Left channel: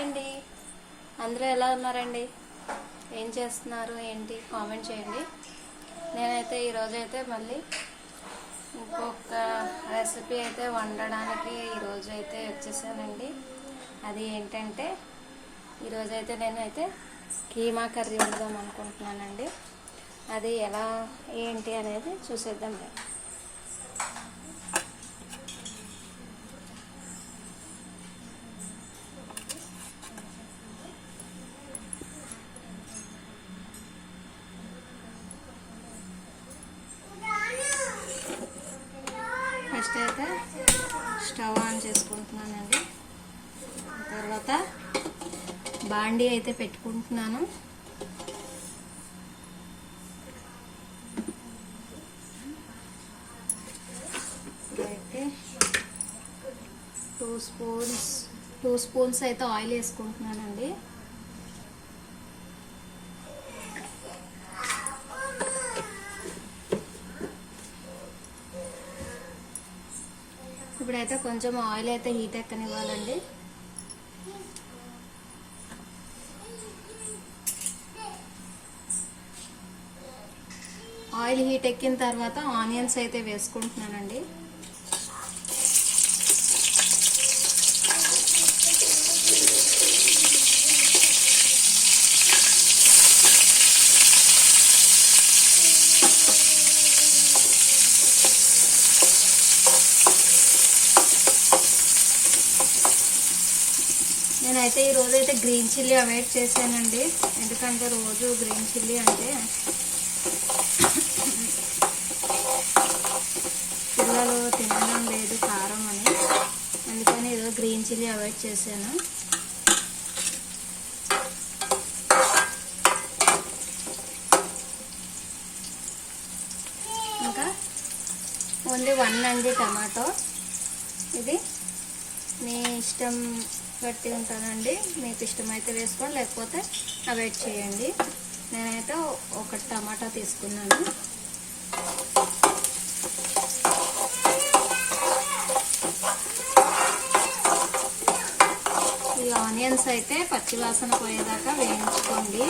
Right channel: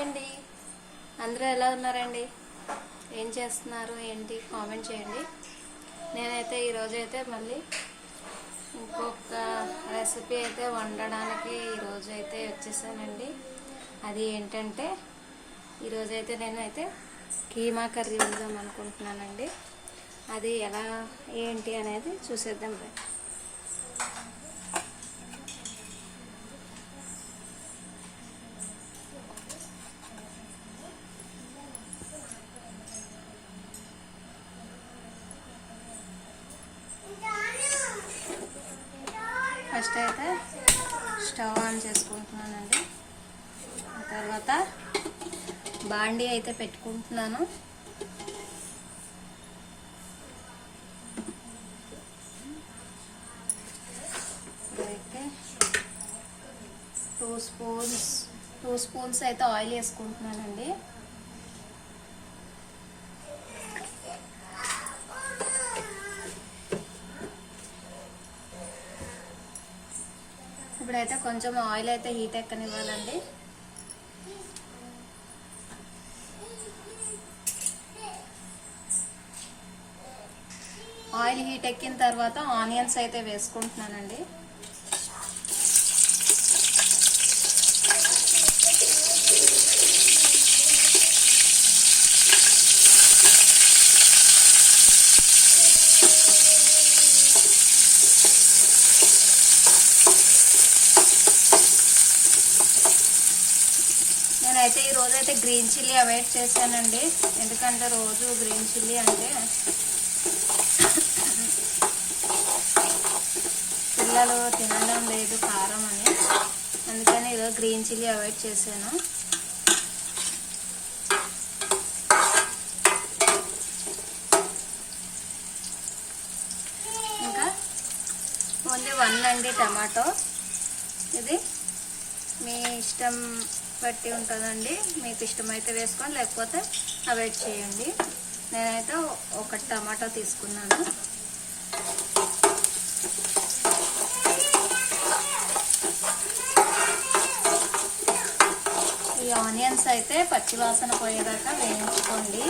Hi అండి, అందరూ ఎలా ఉన్నారండి? ఏం చేస్తున్నారు ఏంటి కామెంట్ చేయండి. నేనైతే ఈరోజైతే మళ్ళీ ఇంకొక రెసిపీ అయితే వండడానికి ఈరోజు అయితే వచ్చేసానండి. అది ఏంటంటే ఈరోజైతే నేనైతే కీమా కర్రీ వండుదాం అనుకుంటున్నానండి. అది ఎలా ఏంటి అనేది చూసేద్దాం. ఫస్ట్ అయితే స్టవ్ ఆన్ చేసుకుంటున్నానండి. తర్వాత బాండీ అయితే పెట్టుకుంటున్నాను. అయితే 2 స్పూన్స్ అయితే ఆయిల్ వేసుకుంటున్నానండి. ఇప్పుడైతే కొంచెం ఆయిల్ అయితే హీట్ ఎక్కనివ్వాలండి. ఆయిల్ హీట్ ఎక్కిన తర్వాత ఆనియన్స్ అయితే వేసుకుంటున్నానండి. నేనైతే ఈ రోజు అయితే గ్రీన్ చిల్లీ అవాయిడ్ చేశానండి. ఎందుకంటే రోజు గ్రీన్ చిల్లీ అంటే పిల్లలు తినడం లేదు కారం అని, అందుకని ఈరోజు గ్రీన్ చిల్లీ అవాయిడ్ చేశాను. ఇంకా ఓన్లీ 1 అండి టమాటో. ఇది మీ ఇష్టం బట్టి ఉంటుందండి. మీకు ఇష్టమైతే వేసుకోండి, లేకపోతే అవాయిడ్ చేయండి. నేనైతే 1 టమాటా తీసుకున్నాను. ఈ ఆనియన్స్ అయితే పచ్చివాసన పోయేదాకా వేయించుకోండి.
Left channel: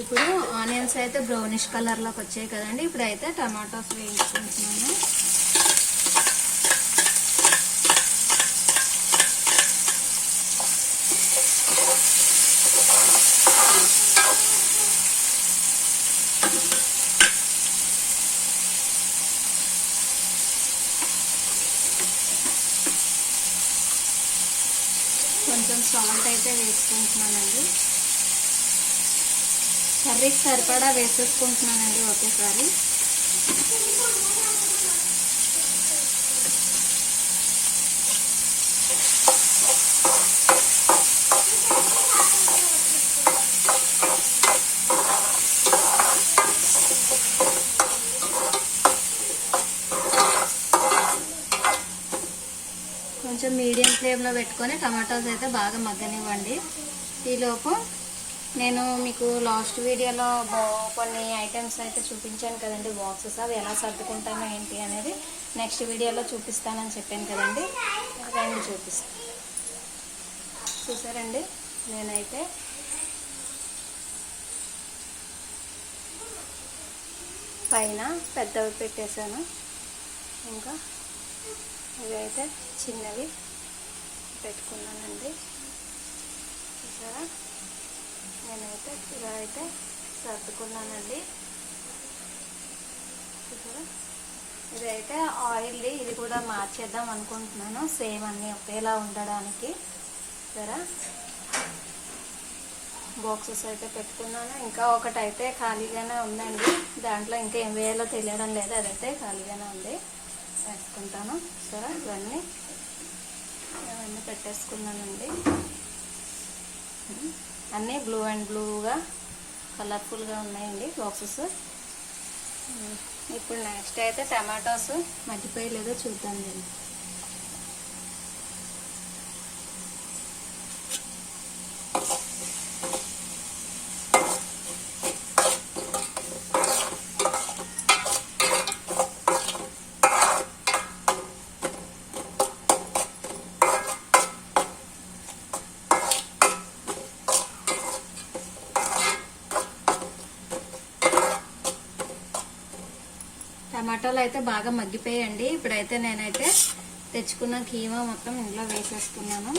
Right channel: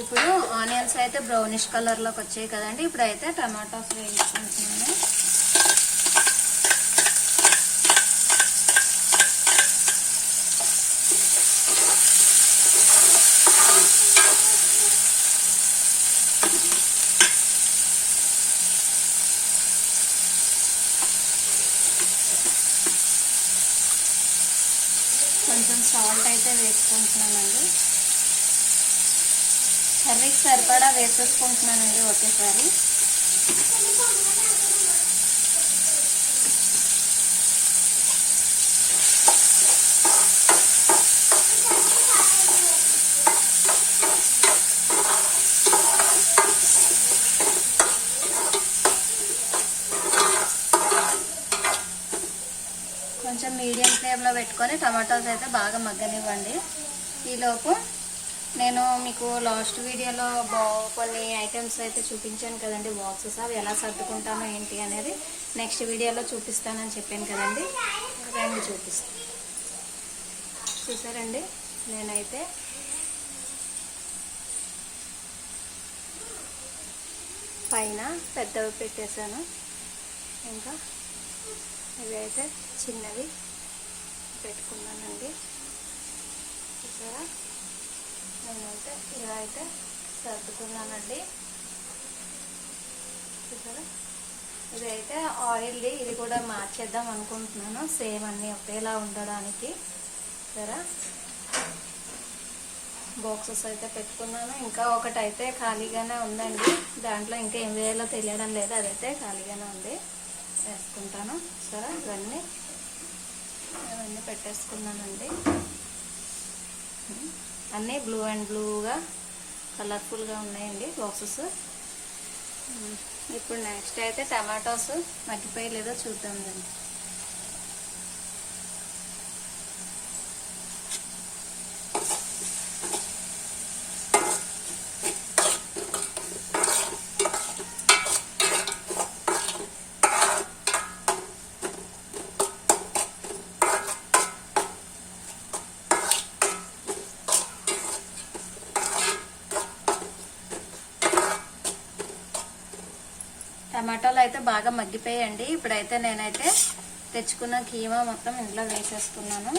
ఇప్పుడు ఆనియన్స్ అయితే బ్రౌనిష్ కలర్ లోకి వచ్చాయి కదండి. ఇప్పుడైతే టమాటోస్ వేయించుకుంటున్నాను. కొంచెం సాల్ట్ అయితే వేసుకుంటున్నానండి. కర్రీకి సరిపడా వేసేసుకుంటున్నానండి ఒకేసారి. కొంచెం మీడియం ఫ్లేమ్లో పెట్టుకొని టమాటోస్ అయితే బాగా మగ్గనివ్వండి. ఈలోపు నేను మీకు లాస్ట్ వీడియోలో కొన్ని ఐటమ్స్ అయితే చూపించాను కదండి, బాక్సెస్. అవి ఎలా సర్దుకుంటామో ఏంటి అనేది నెక్స్ట్ వీడియోలో చూపిస్తానని చెప్పాను కదండి. రండి చూపిస్తాను. చూసారండి, నేనైతే పైన పెద్దవి పెట్టేశాను. ఇంకా ఇవైతే చిన్నవి పెట్టుకున్నానండి. చూసారా, నేనైతే ఇలా అయితే సర్దుకున్నానండి. చూసారా, ఇదైతే ఆయిల్ది. ఇది కూడా మార్చేద్దాం అనుకుంటున్నాను, సేమ్ అన్నీ ఒకేలా ఉండడానికి. సరే, బాక్సెస్ అయితే పెట్టుకున్నాను. ఇంకా ఒకటైతే ఖాళీగానే ఉందండి. దాంట్లో ఇంకా ఏం వేయాలో తెలియడం లేదు. అదైతే ఖాళీగానే ఉంది, వేసుకుంటాను. సరే, ఇవన్నీ పెట్టేసుకున్నానండి. అన్నీ బ్లూ అండ్ బ్లూగా కలర్ఫుల్గా ఉన్నాయండి బాక్సెస్. ఇప్పుడు నెక్స్ట్ అయితే టమాటోస్ మగ్గిపోయలేదో చూద్దామండి. టమాటాలు అయితే బాగా మగ్గిపోయాయండి. ఇప్పుడైతే నేనైతే తెచ్చుకున్న కీమా మొత్తం ఇందులో వేసేసుకున్నాను.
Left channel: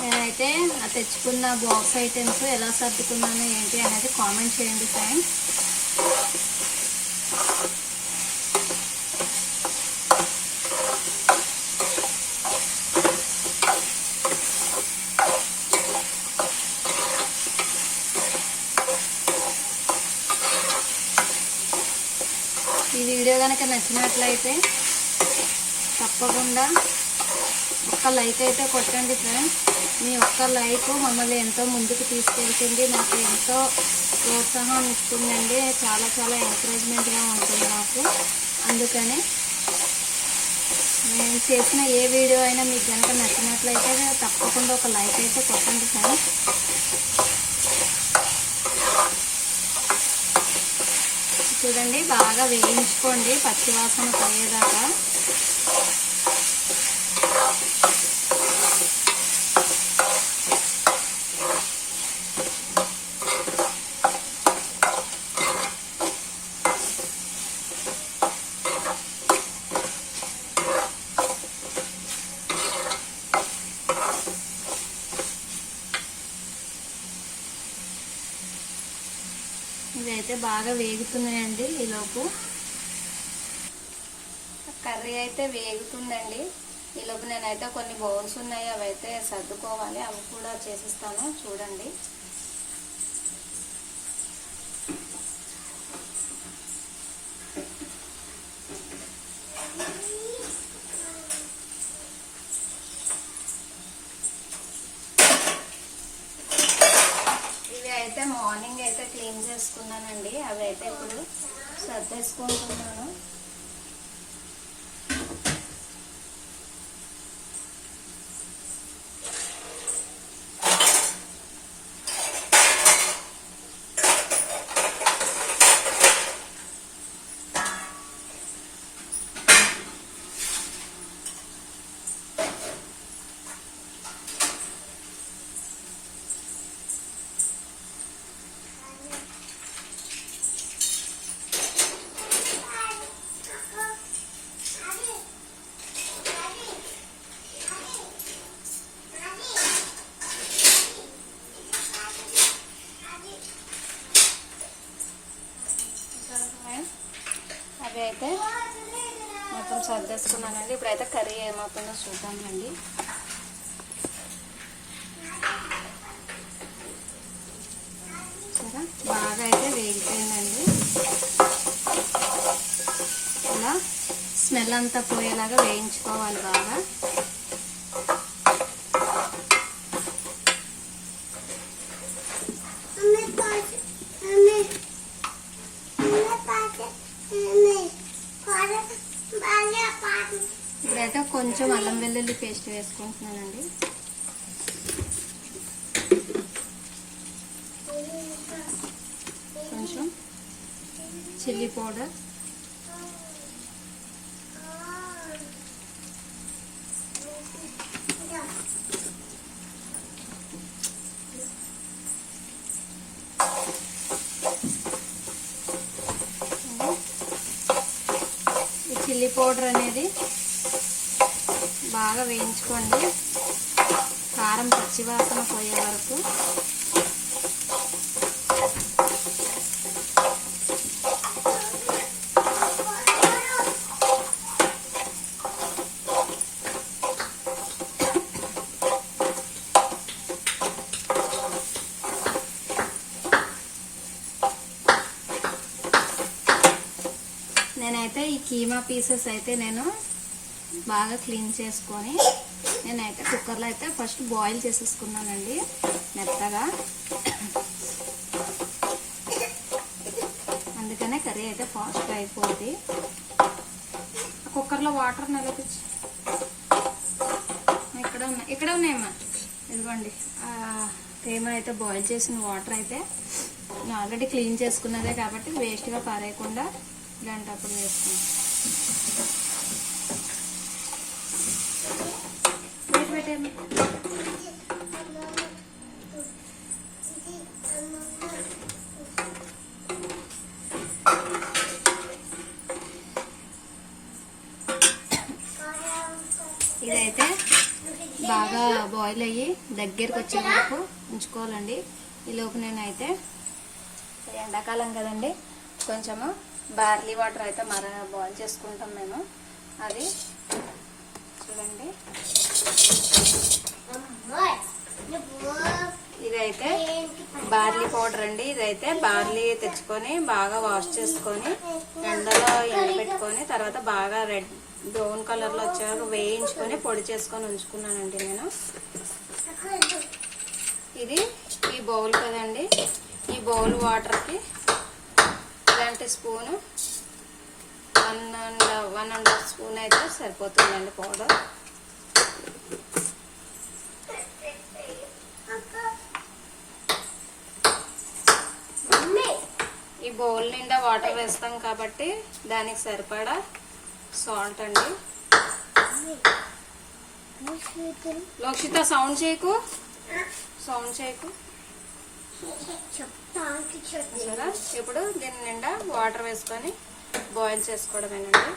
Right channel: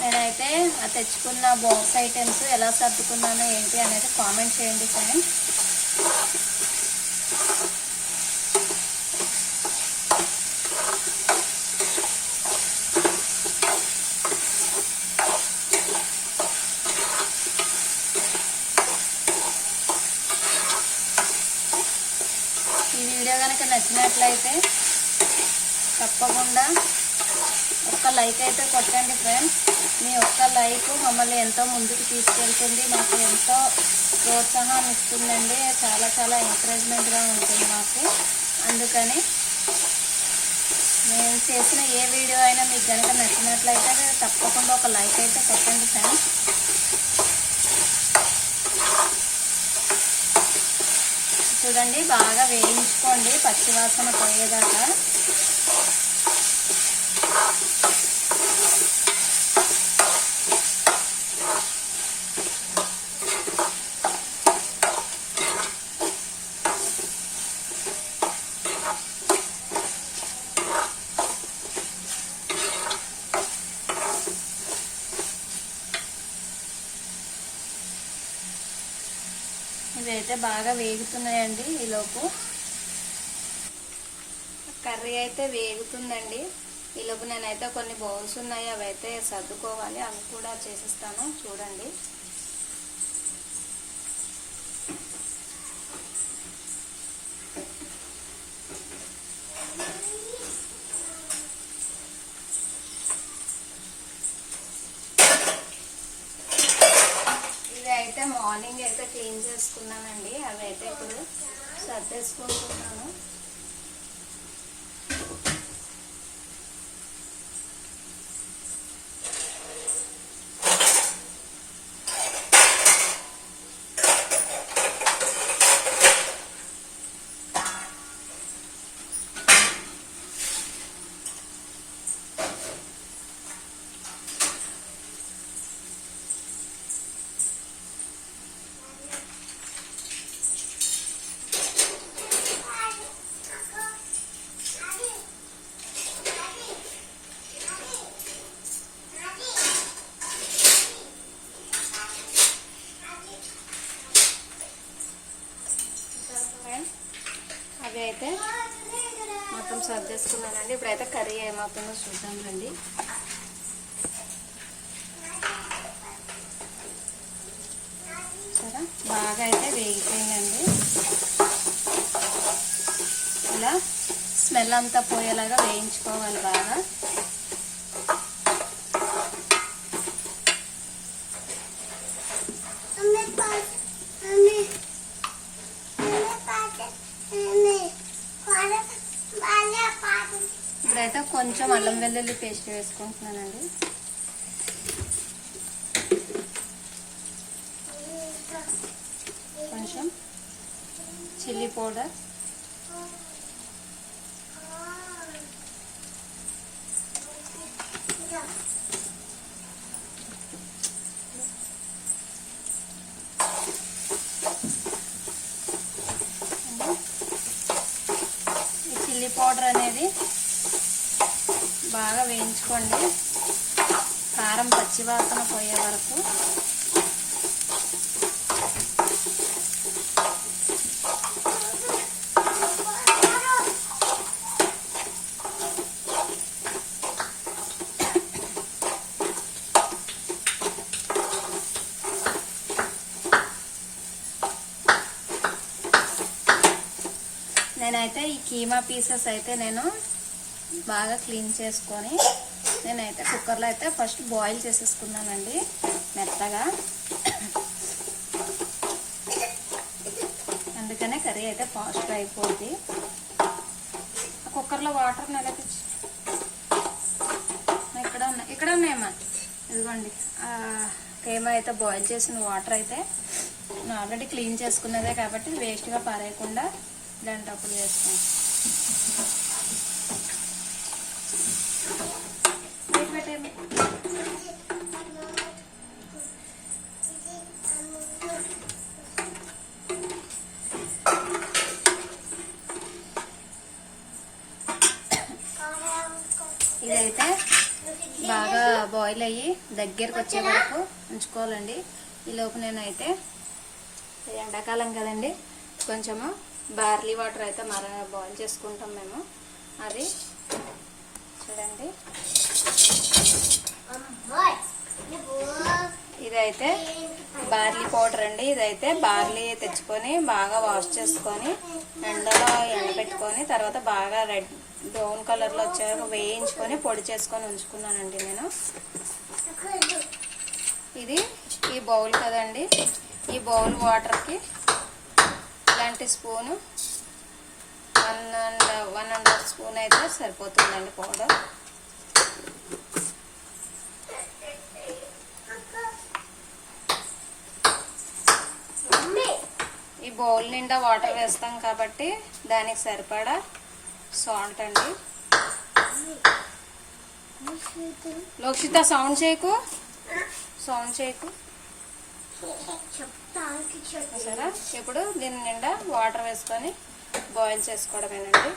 నేనైతే తెచ్చుకున్న బాక్స్ ఐటమ్స్ ఎలా సర్దుకున్నాను ఏంటి అనేది కామెంట్ చేయండి ఫ్రెండ్స్. ఈ వీడియో కనుక నచ్చినట్లయితే తప్పకుండా ఒక్క లైక్ అయితే కొట్టండి ఫ్రెండ్స్. మీ ఒక్క లైక్ మమ్మల్ని ఎంతో ముందుకు తీసుకెళ్తుంది, నాకు ఎంతో ప్రోత్సాహం ఇస్తుందండి. చాలా చాలా ఎంకరేజ్మెంట్గా ఉంటుంది నాకు. అందుకని నేను చేసిన ఏ వీడియో అయినా మీకు కనుక నచ్చినట్లయితే తప్పకుండా ఒక లైక్ అయితే కొట్టండి ఫ్రెండ్స్. చూడండి, బాగా వేయించుకోండి పచ్చివాసన పోయేదాకా. ఇవైతే బాగా వేగుతున్నాయండి. ఈలోపు కర్రీ అయితే వేగుతుందండి. ఈలోపు నేనైతే కొన్ని బౌల్స్ ఉన్నాయి, అవి అయితే సర్దుకోవాలి. అవి కూడా చేసిస్తాను చూడండి. మార్నింగ్ అయితే క్లీన్ చేసుకున్నానండి. అవి అయితే ఇప్పుడు సర్దేసుకుంటున్నాను. అవి అయితే మొత్తం సర్దేసుకున్నానండి. ఇప్పుడైతే కర్రీ ఏమవుతుందో చూద్దామండి. సరే, బాగా అయితే వేగిపోయిందండి. ఇలా స్మెల్ అంతా పోయేలాగా వేయించుకోవాలి బాగా. ఇప్పుడైతే కొంచెం అల్లం వెల్లుల్లి పేస్ట్ వేసుకుంటున్నానండి. కొంచెం చిల్లీ పౌడర్, చిల్లీ పౌడర్ అనేది బాగా వేయించుకోండి కారం పచ్చివాసన పోయే వరకు. నేనైతే ఈ కీమా పీసెస్ అయితే నేను బాగా క్లీన్ చేసుకొని నేనైతే కుక్కర్లో అయితే ఫస్ట్ బాయిల్ చేసేసుకున్నానండి మెత్తగా. అందుకనే కర్రీ అయితే ఫాస్ట్గా అయిపోద్ది. కుక్కర్ కుక్కర్లో వాటర్ నిలపించి ఇక్కడ ఉన్నాయమ్మా. ఇదిగోండి తేమ అయితే బాయిల్ చేసిన వాటర్ అయితే నేను ఆల్రెడీ క్లీన్ చేసుకున్నదే కాబట్టి వేస్ట్గా పారేయకుండా దాంట్లో అప్పుడు వేస్తాను. పెట్టేయండి. ఇదైతే బాగా బాయిల్ అయ్యి దగ్గరికి వచ్చే వరకు ఉంచుకోవాలండి. ఈలోపు నేనైతే ఎండాకాలం కదండి, కొంచెము బార్లీ వాటర్ అయితే బాయిల్ చేసుకుంటాం మేము. అది చూడండి, ఇదైతే బార్లీ పౌడర్ అండి. ఇదైతే బార్లీ తెచ్చుకొని బాగా వాష్ చేసుకొని ఎండలో ఎండబెట్టుకొని తర్వాత బాగా రెడ్ బ్రౌన్ కలర్ లో వచ్చేవారు వేయించుకొని పొడి చేసుకొని ఉంచుకున్నానండి నేను. ఇది ఈ బౌల్ కదండి, ఈ బౌల్ వాటర్ కి ఇలాంటి స్పూను 1.5 స్పూన్ అయితే సరిపోతుందండి పౌడర్. ఈ బౌల్ నిండా వాటర్ వేస్తాం కాబట్టి దానికి సరిపడా సాల్ట్ అండి. లోక్షిత సౌండ్ చేయకు సరే. ఇప్పుడు దీని నిండా వాటర్ వేసుకొని బాయిల్ చేసుకోవడమేనండి.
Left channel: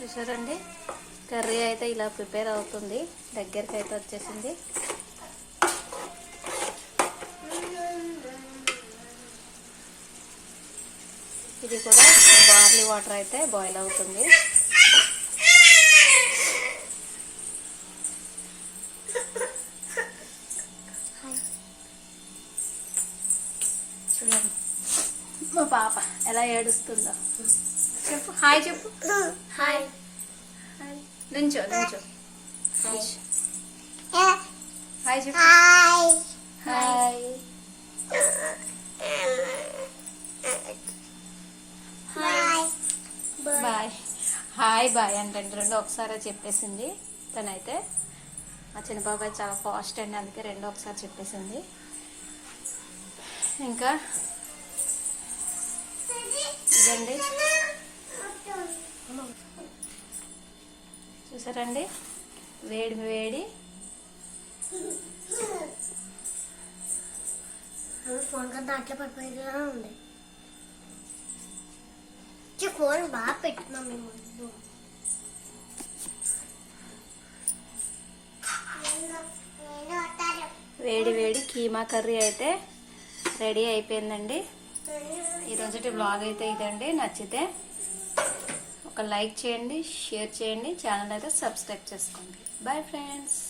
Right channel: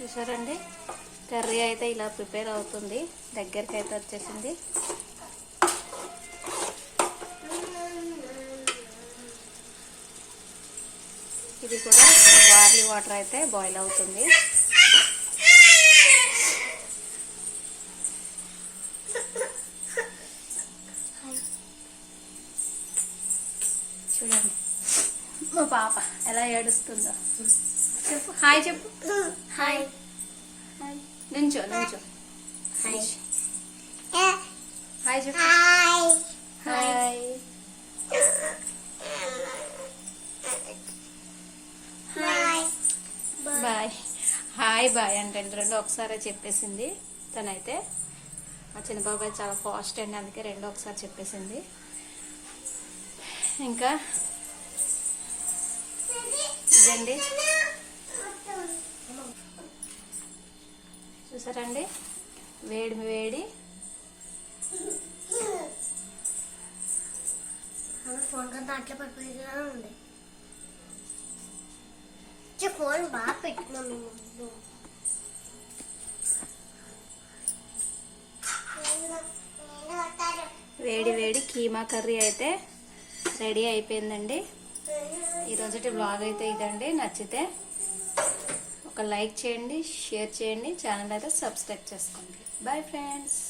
చూసారండి, కర్రీ అయితే ఇలా ప్రిపేర్ అవుతుంది, దగ్గరికి అయితే వచ్చేసింది. ఇది కూడా బార్లీ వాటర్ అయితే బాయిల్ అవుతుంది. చూడండి మా పాప ఎలా ఏడుస్తుందో. చెప్పు హాయ్, చెప్పు హాయ్. నుంచో హాయ్ చెప్పు. Hi bye. హాయ్ బాయ్ అంటే రెండు ఒకసారి చెప్పేసింది తనైతే. ఆ చిన్న బాబాయ్ చాలా ఫాస్ట్ అండి, అందుకే రెండు ఒకసారి చెప్పేసింది. ఇంకా ఇదండి చూసారండి, వేడి వేడి ఫోన్ కదా అట్లా పడిపోయేలా ఉంది. ఫోన్ బాగా పెట్టుకున్నాను. వేడి వేడి కీమా కర్రీ అయితే రెడీ అయిపోయిందండి. ఈరోజుటి బ్లాగ్ అయితే ఇదండి. నచ్చితే ఒక లైక్ చేయండి, షేర్ చేయండి, ఛానల్ అయితే సబ్స్క్రైబ్ చేసుకోండి. Bye friends.